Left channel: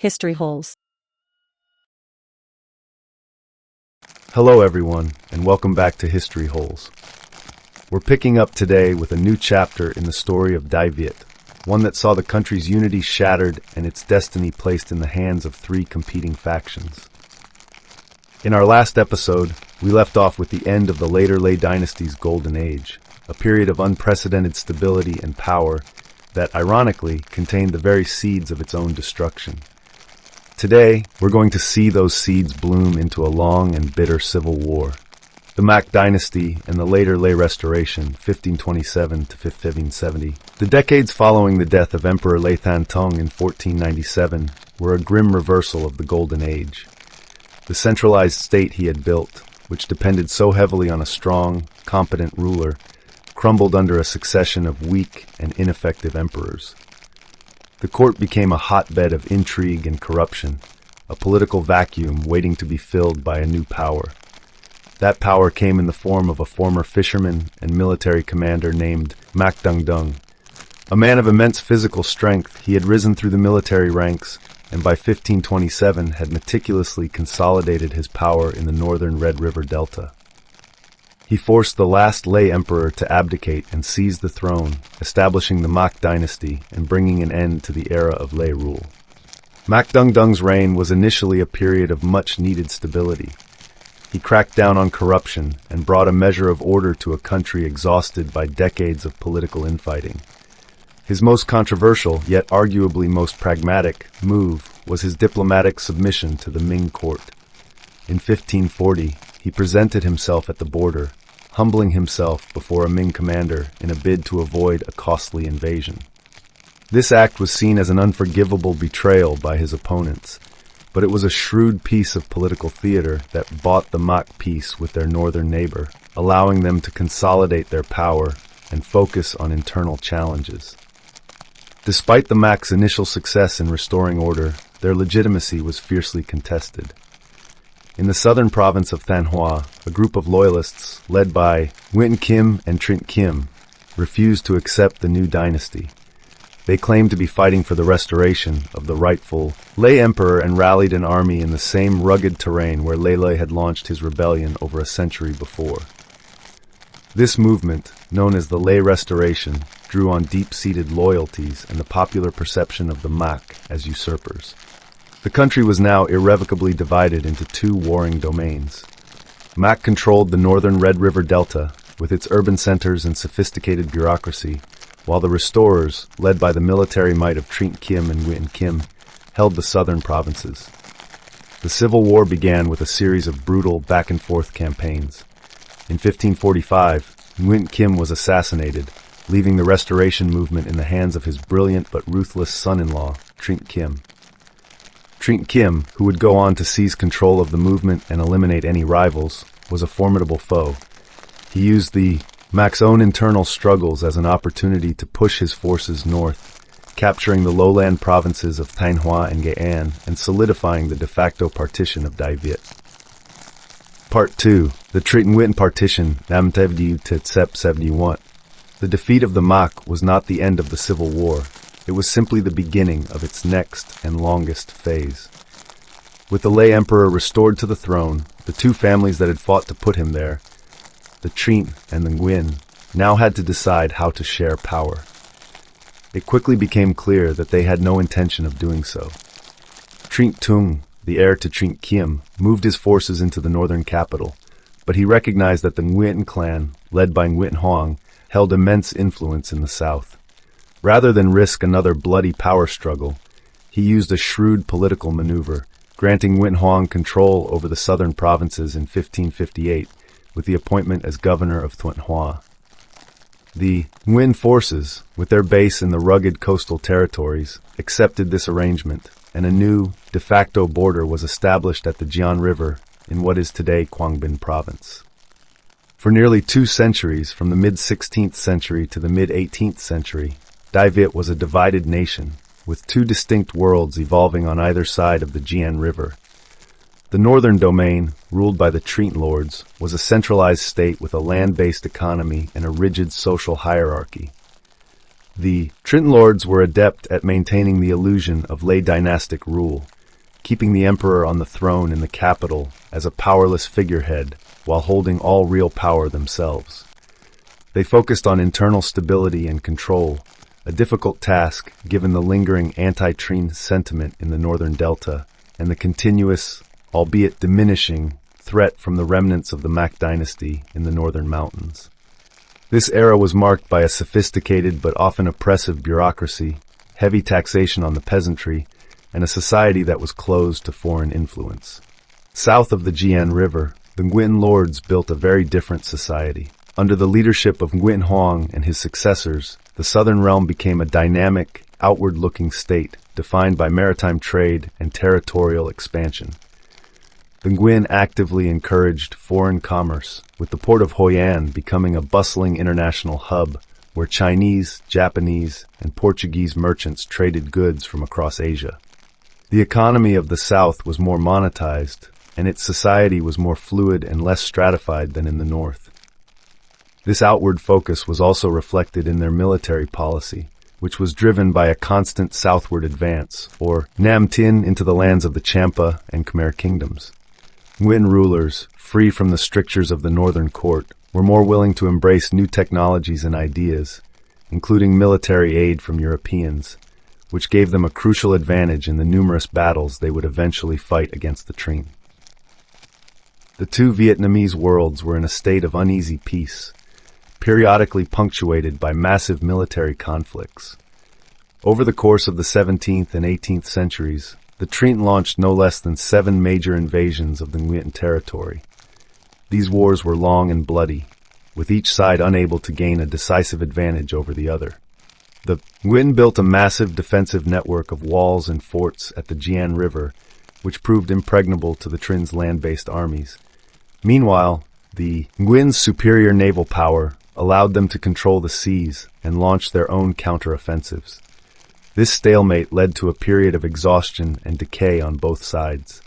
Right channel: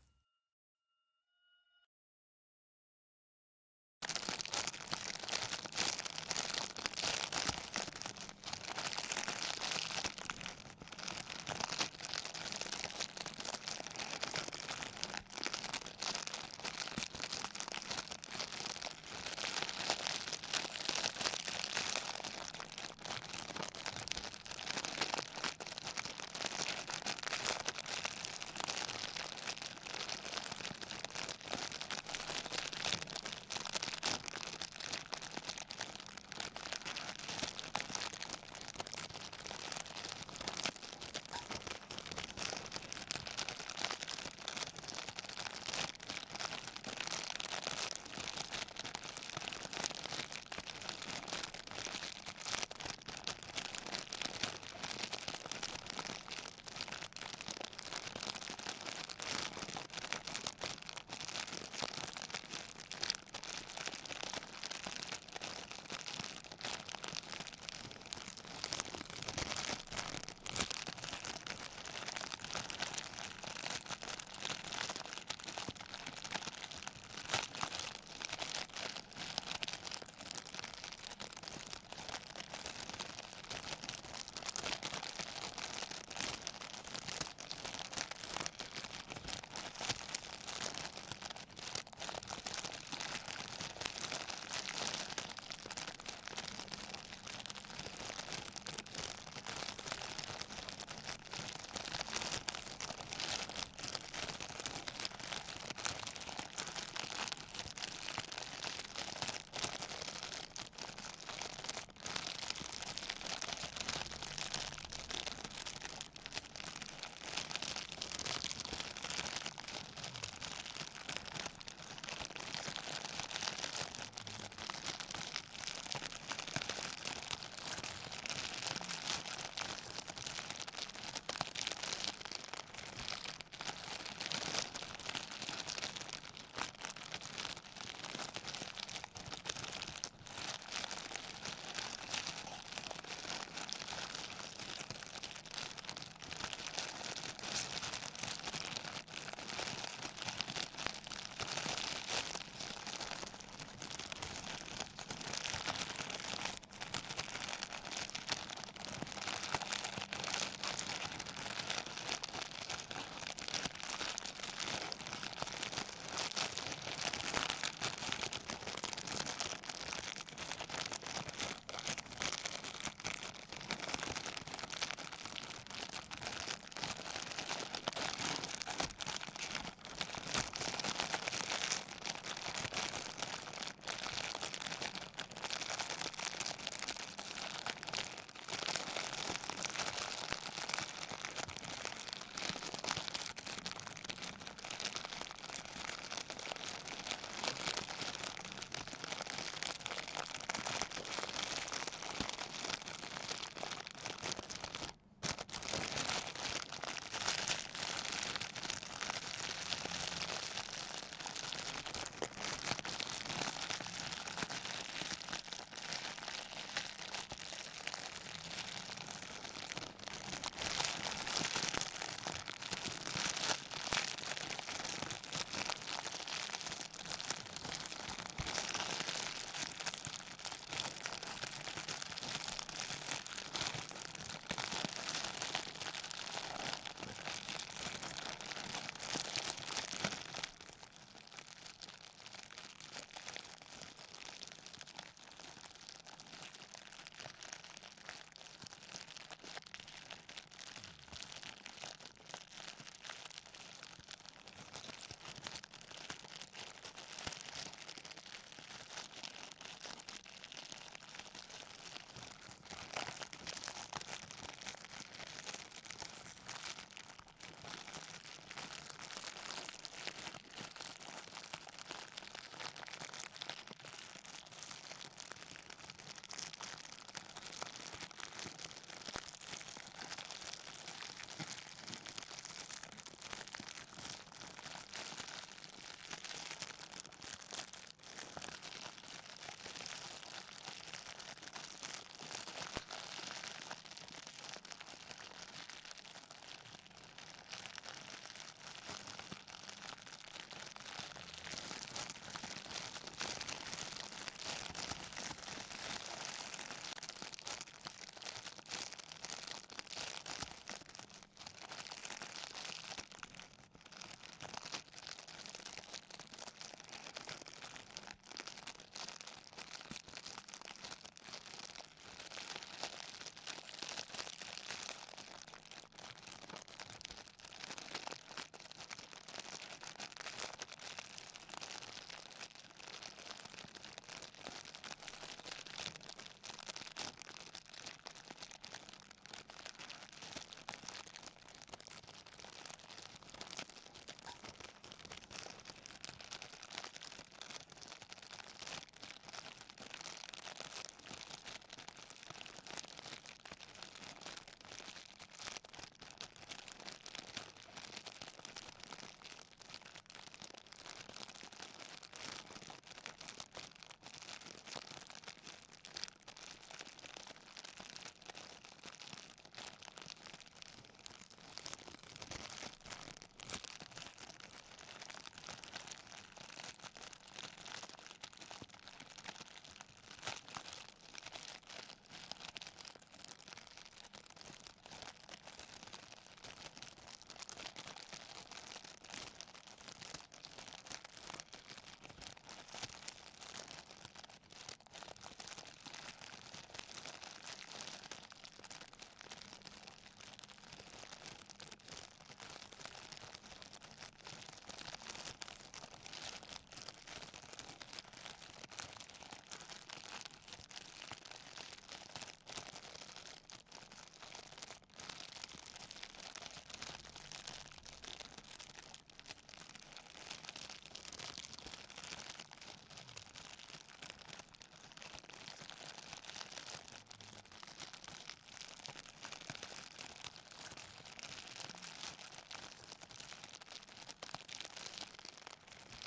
History holes. Hello everyone, and welcome back to History Holes. We're picking up today with a new chapter in the story of Đại Việt, one that saw the country's unity shattered and its destiny placed in the hands of three competing factions. In our last episode, we left off with the end of the later Lê dynasty's golden age, a period of unprecedented stability and power that, ironically, contained the very seeds of its own destruction. Today, we're going to see those seeds bloom into a long and bitter civil war. The Mac dynasty and the later Lê Restoration, 1527 to 1570. The decades following the death of Emperor Lê Thánh Tông in 1497 were a grim reversal of the Golden Age. The centralized state he had built, which depended so heavily on a strong, competent ruler, crumbled under a succession of weak and ineffective emperors. The court became a hotbed of intrigue and corruption, a political vacuum waiting to be filled by a new power. That power came in the form of a former fisherman and military commander named Mac Trinh-Nguyen. A man of immense physical strength, he had risen through the military ranks and by 1527 had meticulously consolidated his power in the northern Red River Delta. He forced the last Lê emperor to abdicate and seize the throne, establishing the Mac dynasty and bringing an end to the era of Lê rule. Mac Trinh-Nguyen's reign was initially a period of much-needed stability. He cracked down on corruption and brought a measure of order to a country exhausted by decades of political infighting. His most controversial, yet arguably most pragmatic, move was his diplomatic submission to the Ming court. In 1540, he presented himself at the border, humbling himself before a Ming commander in a bid to avoid a costly invasion. This act was seen as an unforgivable betrayal by his opponents, but it was a shrewd piece of political theater that bought the Mac peace with their northern neighbor, allowing them to consolidate their power and focus on internal challenges. Despite the Mac's initial success in restoring order, their legitimacy was fiercely contested. In the southern province of Thanh Hoa, a group of loyalists, led by Nguyễn and Trịnh, refused to accept the new dynasty. They claimed to be fighting for the restoration of the rightful Lê emperor and rallied an army in the same rugged terrain where Lê had launched his rebellion over a century before. This movement, known as the Lê Restoration, drew on deep-seated loyalties and the popular perception of the Mac as usurpers. The country was now irrevocably divided into two warring domains. Mac controlled the northern Red River Delta, with its urban centers and sophisticated bureaucracy, while the restorers, led by the military might of Trịnh and Nguyễn, held the southern provinces. The Civil War began with a series of brutal back-and-forth campaigns. In 1545, Nguyễn was assassinated, leaving the restoration movement in the hands of his brilliant but ruthless son-in-law, Trịnh. Trịnh, who would go on to seize control of the movement and eliminate any rivals, was a formidable foe. He used the Mac's own internal struggles as an opportunity to push his forces north, capturing the lowland provinces of Thanh Hoa and Nghệ An and solidifying the de facto partition of Đại Việt. Part 2. The Trịnh-Nguyen Partition, năm 1771. The defeat of the Mac was not the end of the Civil War. It was simply the beginning of its next and longest phase. With the Lê emperor restored to the throne, the two families that had fought to put him there, the Trịnh and the Nguyen, now had to decide how to share power. It quickly became clear that they had no intention of doing so. Trịnh Tùng, the heir to Trịnh, moved his forces into the northern capital, but he recognized that the Nguyen clan, led by Nguyễn Hoang, held immense influence in the south. Rather than risk another bloody power struggle, he used a shrewd political maneuver, granting Nguyễn Hoang control over the southern provinces in 1558, with the appointment as governor of Thanh Hoa. The Nguyen forces, with their base in the rugged coastal territories, accepted this arrangement, and a new, de facto border was established at the Giang River in what is today Quang Binh province. For nearly 2 centuries, from the mid-16th century to the mid-18th century, Đại Việt was a divided nation, with 2 distinct worlds evolving on either side of the Giang River. The northern domain, ruled by the Trịnh lords, was a centralized state with a land-based economy and a rigid social hierarchy. The Trịnh lords were adept at maintaining the illusion of lay dynastic rule, keeping the emperor on the throne in the capital as a powerless figurehead while holding all real power themselves. They focused on internal stability and control, a difficult task given the lingering anti-Trịnh sentiment in the northern delta and the continuous, albeit diminishing, threat from the remnants of the Mac dynasty in the northern mountains. This era was marked by a sophisticated but often oppressive bureaucracy, heavy taxation on the peasantry, and a society that was closed to foreign influence. South of the Jian River, the Nguyen lords built a very different society. Under the leadership of Nguyễn Hoang and his successors, the southern realm became a dynamic, outward-looking state defined by maritime trade and territorial expansion. The Nguyen actively encouraged foreign commerce, with the port of Hoi An becoming a bustling international hub where Chinese, Japanese, and Portuguese merchants traded goods from across Asia. The economy of the South was more monetized, and its society was more fluid and less stratified than in the North. This outward focus was also reflected in their military policy, which was driven by a constant southward advance, or Nam Tin, into the lands of the Champa and Khmer kingdoms. Nguyen rulers, free from the strictures of the northern court, were more willing to embrace new technologies and ideas, including military aid from Europeans, which gave them a crucial advantage in the numerous battles they would eventually fight against the Trịnh. The two Vietnamese worlds were in a state of uneasy peace, periodically punctuated by massive military conflicts. Over the course of the 17th and 18th centuries, the Trịnh launched no less than 7 major invasions of the Nguyen territory. These wars were long and bloody, with each side unable to gain a decisive advantage over the other. The Nguyen built a massive defensive network of walls and forts at the Jian River, which proved impregnable to the Trịnh land-based armies. Meanwhile, the Nguyen's superior naval power allowed them to control the seas and launch their own counteroffensives. This stalemate led to a period of exhaustion and decay on both sides.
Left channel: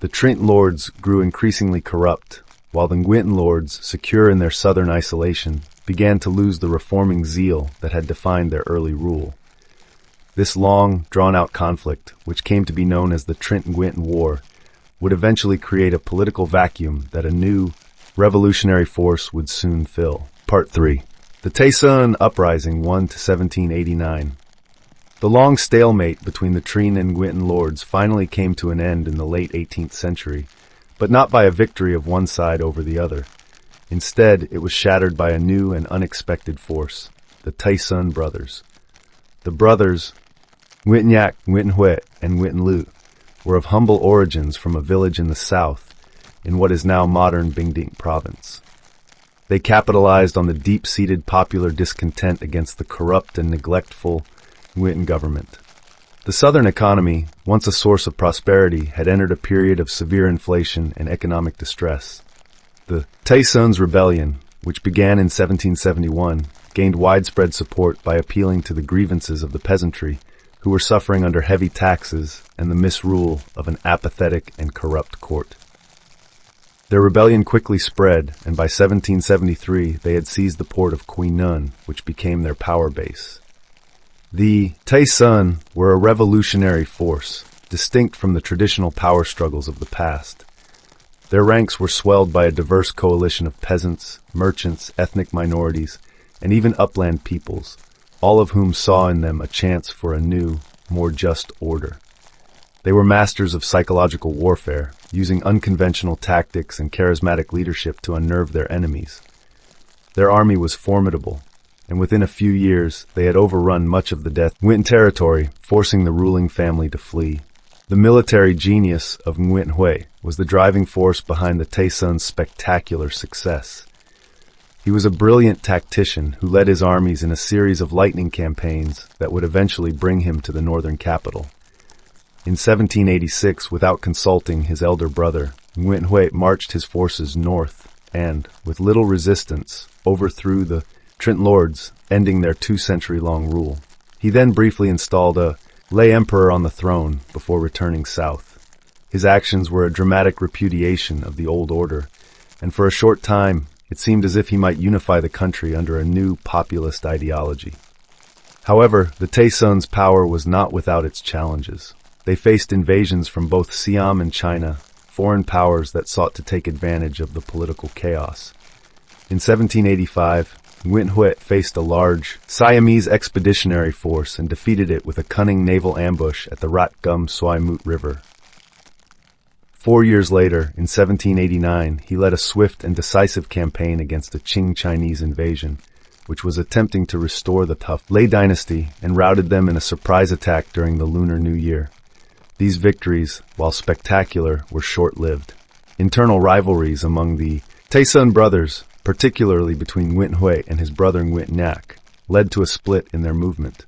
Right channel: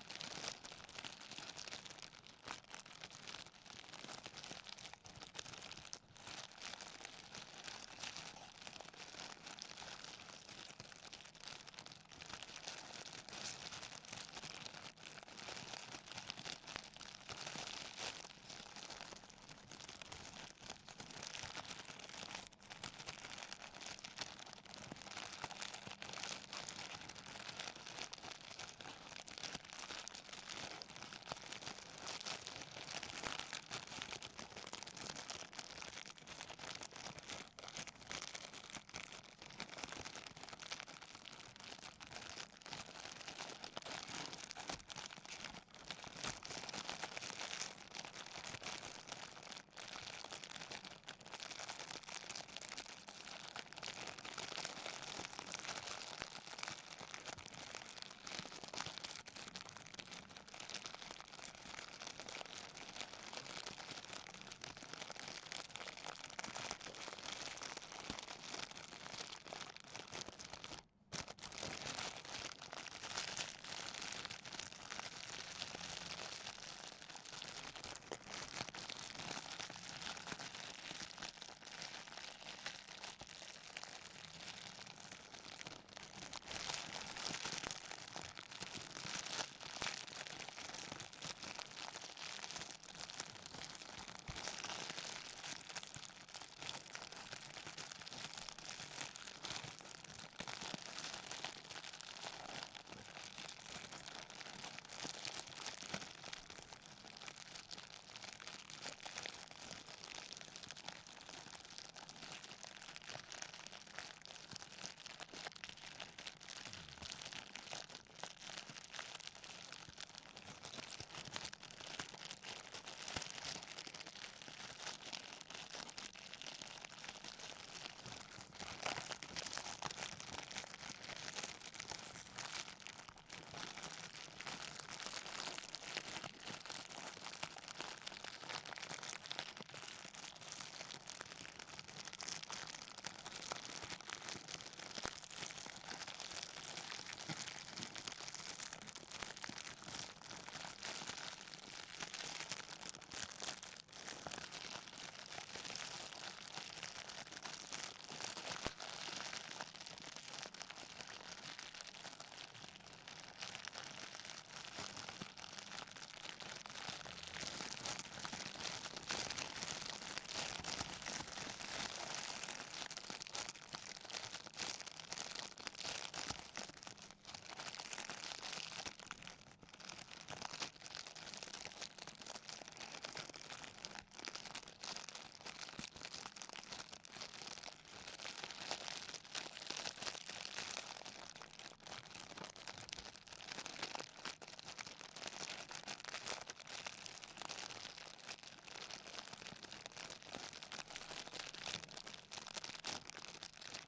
The Trịnh lords grew increasingly corrupt, while the Nguyen lords, secure in their southern isolation, began to lose the reforming zeal that had defined their early rule. This long, drawn-out conflict, which came to be known as the Trịnh-Nguyen War, would eventually create a political vacuum that a new, revolutionary force would soon fill. Part 3. The Tay-Son Uprising 1 to 1789. The long stalemate between the Trịnh and Nguyen lords finally came to an end in the late 18th century, but not by a victory of one side over the other. Instead, it was shattered by a new and unexpected force, the Tay-Son brothers. The brothers, Nguyễn Nhạc, Nguyễn Huệ, and Nguyễn Lü, were of humble origins from a village in the south, in what is now modern Bình Định province. They capitalized on the deep-seated popular discontent against the corrupt and neglectful Nguyễn government. The southern economy, once a source of prosperity, had entered a period of severe inflation and economic distress. The Tay-Son's rebellion, which began in 1771, gained widespread support by appealing to the grievances of the peasantry, who were suffering under heavy taxes and the misrule of an apathetic and corrupt court. Their rebellion quickly spread, and by 1773 they had seized the port of Quy Nhơn, which became their power base. The Tay-Son were a revolutionary force, distinct from the traditional power struggles of the past. Their ranks were swelled by a diverse coalition of peasants, merchants, ethnic minorities, and even upland peoples, all of whom saw in them a chance for a new, more just order. They were masters of psychological warfare, using unconventional tactics and charismatic leadership to unnerve their enemies. Their army was formidable, and within a few years they had overrun much of the Nguyen territory, forcing the ruling family to flee. The military genius of Nguyễn Huệ was the driving force behind the Tay-Son's spectacular success. He was a brilliant tactician who led his armies in a series of lightning campaigns that would eventually bring him to the northern capital. In 1786, without consulting his elder brother, Nguyễn Huệ marched his forces north and, with little resistance, overthrew the Trịnh lords, ending their 2-century-long rule. He then briefly installed a lay emperor on the throne before returning south. His actions were a dramatic repudiation of the old order, and for a short time it seemed as if he might unify the country under a new populist ideology. However, the Taison's power was not without its challenges. They faced invasions from both Siam and China, foreign powers that sought to take advantage of the political chaos. In 1785, Nguyễn Huệ faced a large Siamese expeditionary force and defeated it with a cunning naval ambush at the Rat Gum Suai Moot River. 4 years later, in 1789, he led a swift and decisive campaign against the Qing Chinese invasion, which was attempting to restore the tough Lei dynasty, and routed them in a surprise attack during the Lunar New Year. These victories, while spectacular, were short-lived. Internal rivalries among the Taison brothers, particularly between Nguyễn Huệ and his brother Nguyễn Nhạc, led to a split in their movement.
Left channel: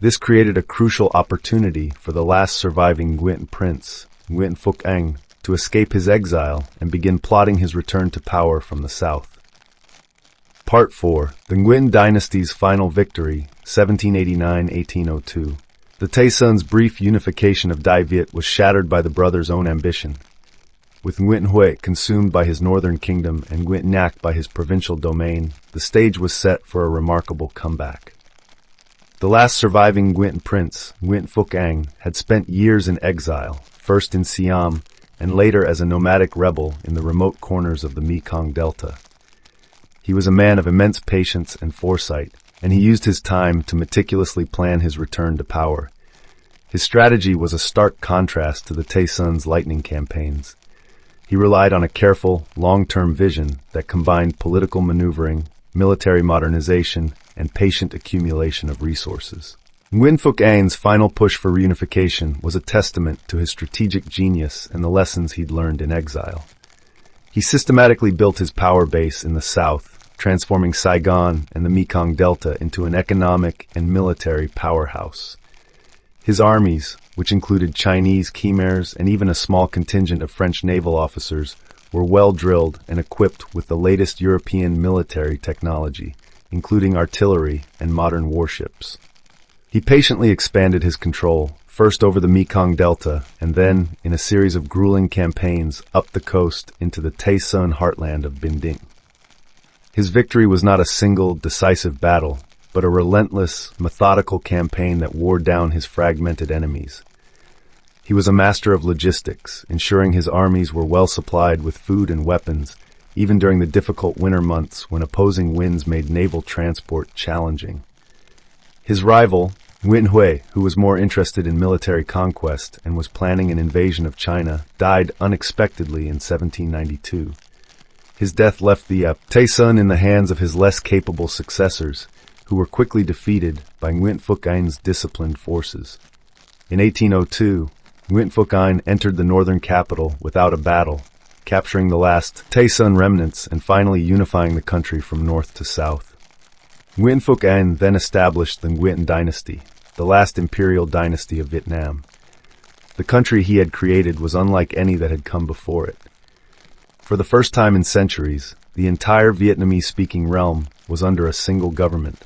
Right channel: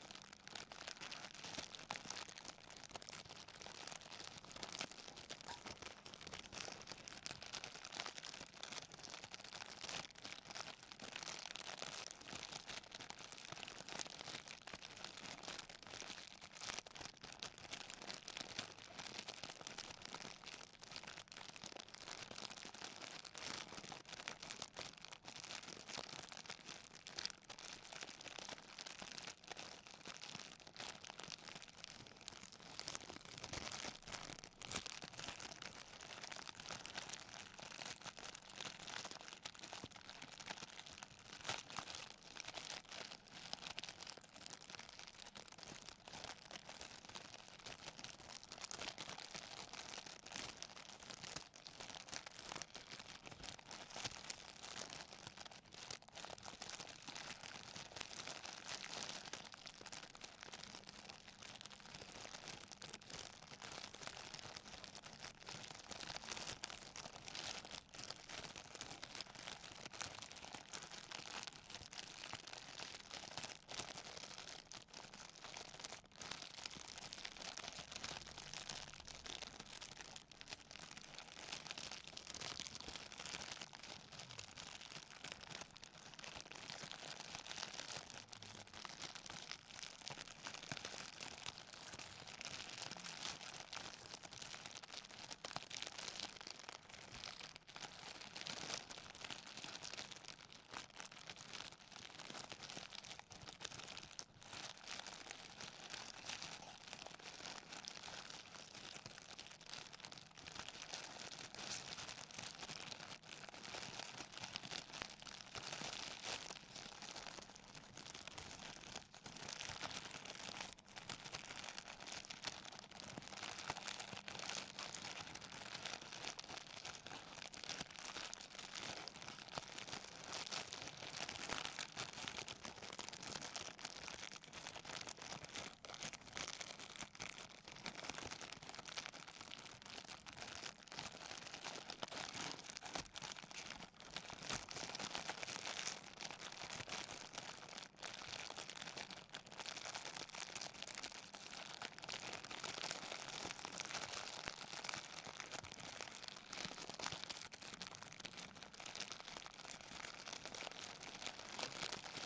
This created a crucial opportunity for the last surviving Nguyễn prince, Nguyễn Phúc Anh, to escape his exile and begin plotting his return to power from the south. Part 4. The Nguyen dynasty's final victory, 1789-1802. The Taison's brief unification of Đại Việt was shattered by the brothers' own ambition. With Nguyễn Huệ consumed by his northern kingdom and Nguyễn Nhạc by his provincial domain, the stage was set for a remarkable comeback. The last surviving Nguyễn prince, Nguyễn Phúc Anh, had spent years in exile, first in Siam and later as a nomadic rebel in the remote corners of the Mekong Delta. He was a man of immense patience and foresight, and he used his time to meticulously plan his return to power. His strategy was a stark contrast to the Taison's lightning campaigns. He relied on a careful, long-term vision that combined political maneuvering, military modernization, and patient accumulation of resources. Nguyễn Phúc Anh's final push for reunification was a testament to his strategic genius and the lessons he'd learned in exile. He systematically built his power base in the south, transforming Saigon and the Mekong Delta into an economic and military powerhouse. His armies, which included Chinese Khmers and even a small contingent of French naval officers, were well drilled and equipped with the latest European military technology, including artillery and modern warships. He patiently expanded his control, first over the Mekong Delta, and then, in a series of grueling campaigns, up the coast into the Taison heartland of Binding. His victory was not a single, decisive battle, but a relentless, methodical campaign that wore down his fragmented enemies. He was a master of logistics, ensuring his armies were well supplied with food and weapons, even during the difficult winter months when opposing winds made naval transport challenging. His rival, Nguyễn Huệ, who was more interested in military conquest and was planning an invasion of China, died unexpectedly in 1792. His death left the Taison in the hands of his less capable successors, who were quickly defeated by Nguyễn Phúc Anh's disciplined forces. In 1802, Nguyễn Phúc Anh entered the northern capital without a battle, capturing the last Taison remnants and finally unifying the country from north to south. Nguyễn Phúc Anh then established the Nguyen dynasty, the last imperial dynasty of Vietnam. The country he had created was unlike any that had come before it. For the first time in centuries, the entire Vietnamese-speaking realm was under a single government.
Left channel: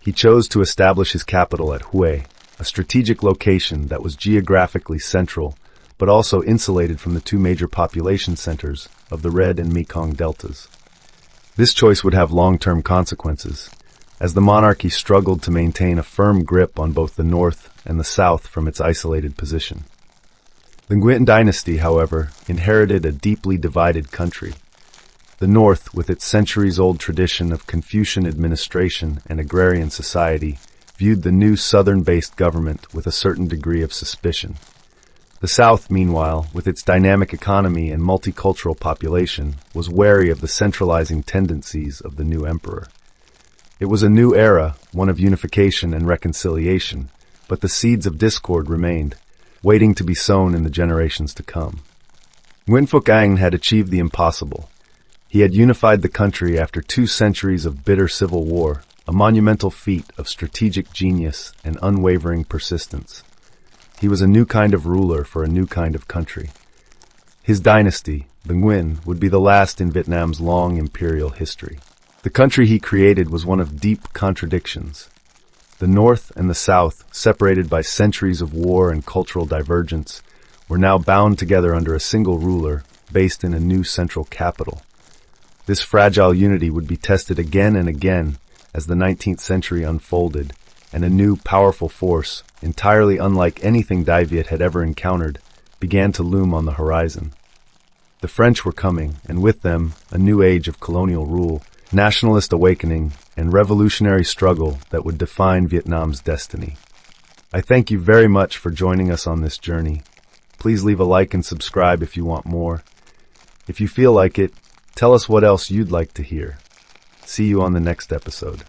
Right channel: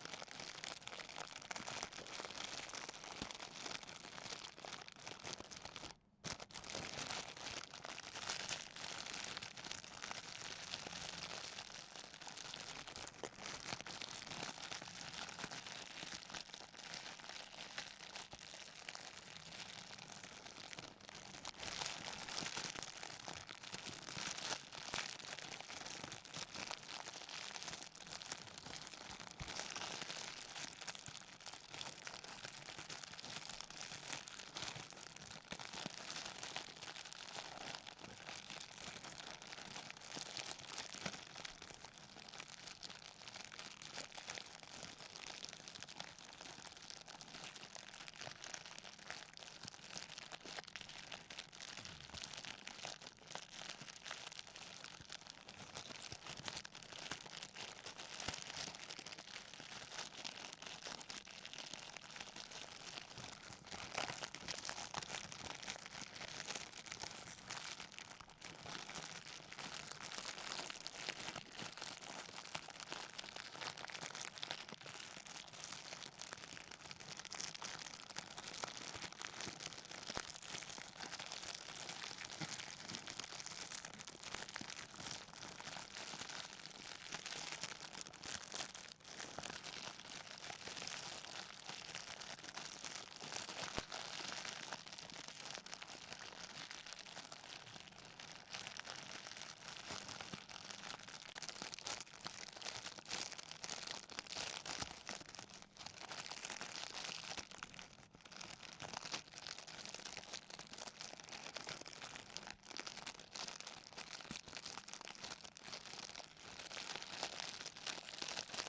He chose to establish his capital at Hue, a strategic location that was geographically central, but also insulated from the two major population centers of the Red and Mekong deltas. This choice would have long-term consequences, as the monarchy struggled to maintain a firm grip on both the north and the south from its isolated position. The Nguyen dynasty, however, inherited a deeply divided country. The north, with its centuries-old tradition of Confucian administration and agrarian society, viewed the new southern-based government with a certain degree of suspicion. The south, meanwhile, with its dynamic economy and multicultural population, was wary of the centralizing tendencies of the new emperor. It was a new era, one of unification and reconciliation, but the seeds of discord remained, waiting to be sown in the generations to come. Nguyễn Phúc Anh had achieved the impossible. He had unified the country after 2 centuries of bitter civil war, a monumental feat of strategic genius and unwavering persistence. He was a new kind of ruler for a new kind of country. His dynasty, the Nguyen, would be the last in Vietnam's long imperial history. The country he created was one of deep contradictions. The north and the south, separated by centuries of war and cultural divergence, were now bound together under a single ruler, based in a new central capital. This fragile unity would be tested again and again as the 19th century unfolded, and a new, powerful force, entirely unlike anything Đại Việt had ever encountered, began to loom on the horizon. The French were coming, and with them, a new age of colonial rule, nationalist awakening, and revolutionary struggle that would define Vietnam's destiny. I thank you very much for joining us on this journey. Please leave a like and subscribe if you want more. If you feel like it, tell us what else you'd like to hear. See you on the next episode.